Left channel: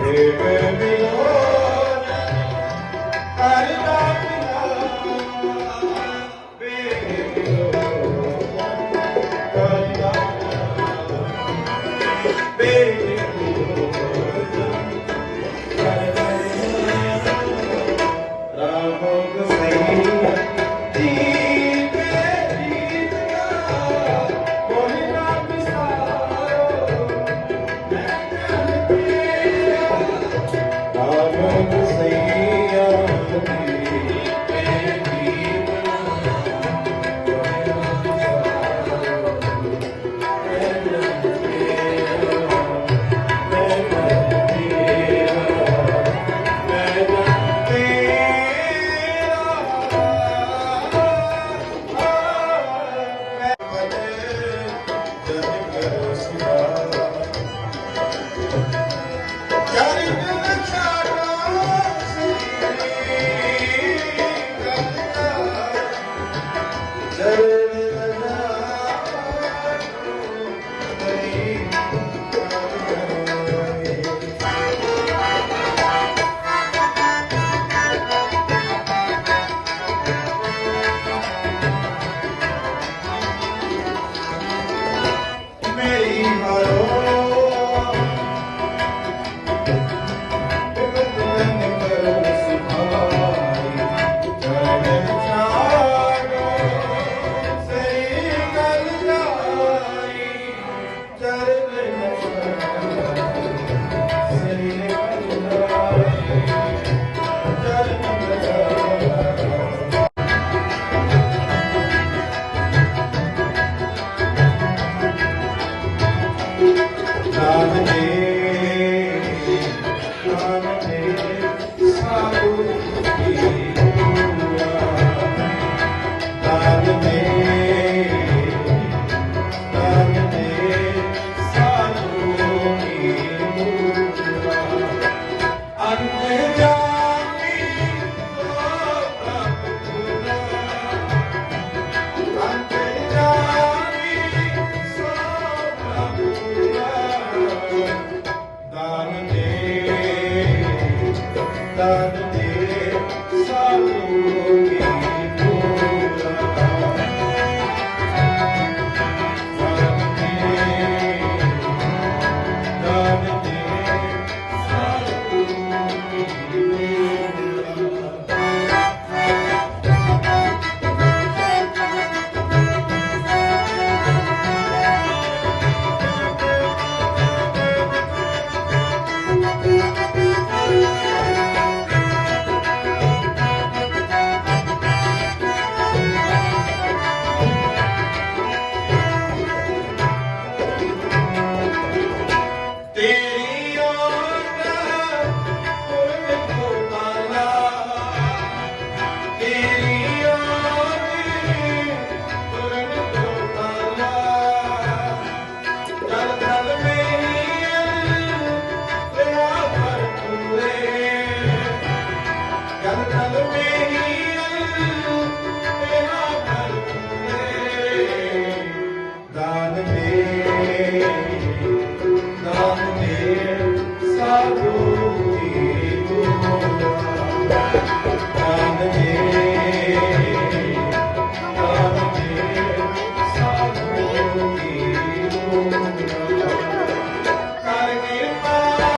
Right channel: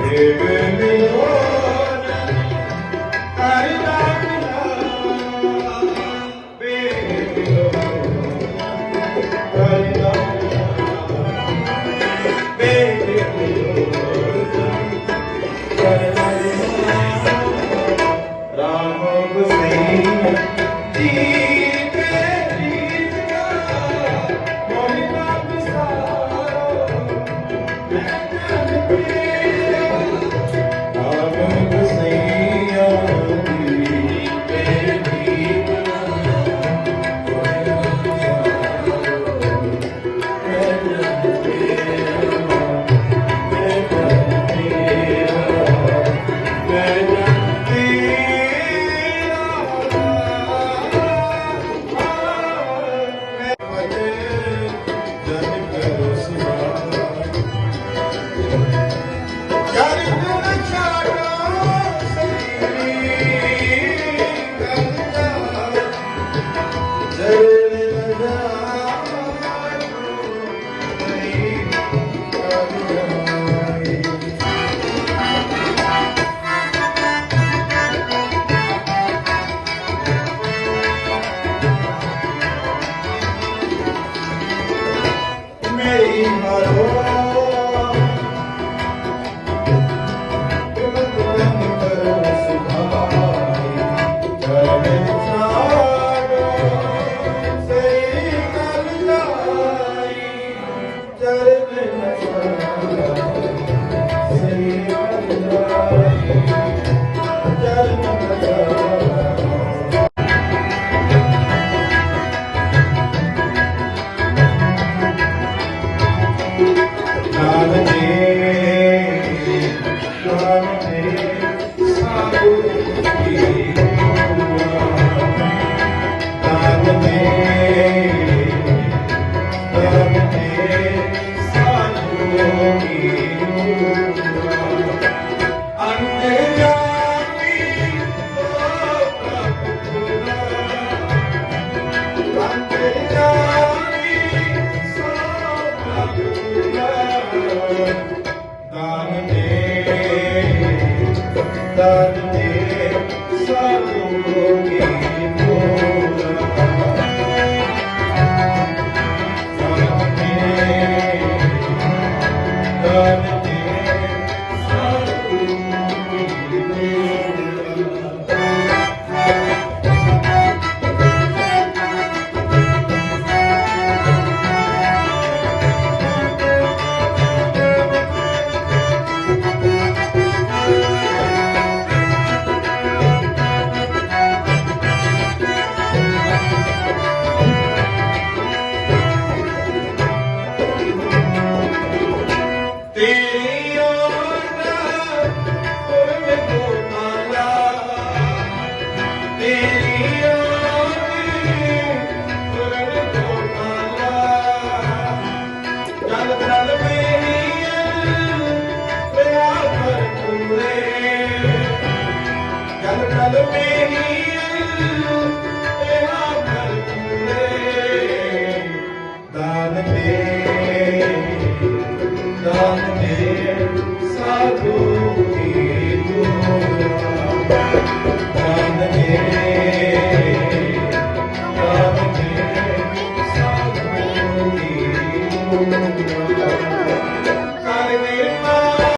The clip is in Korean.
Amen. Ram ji Obrigado, Santa Hallelujah.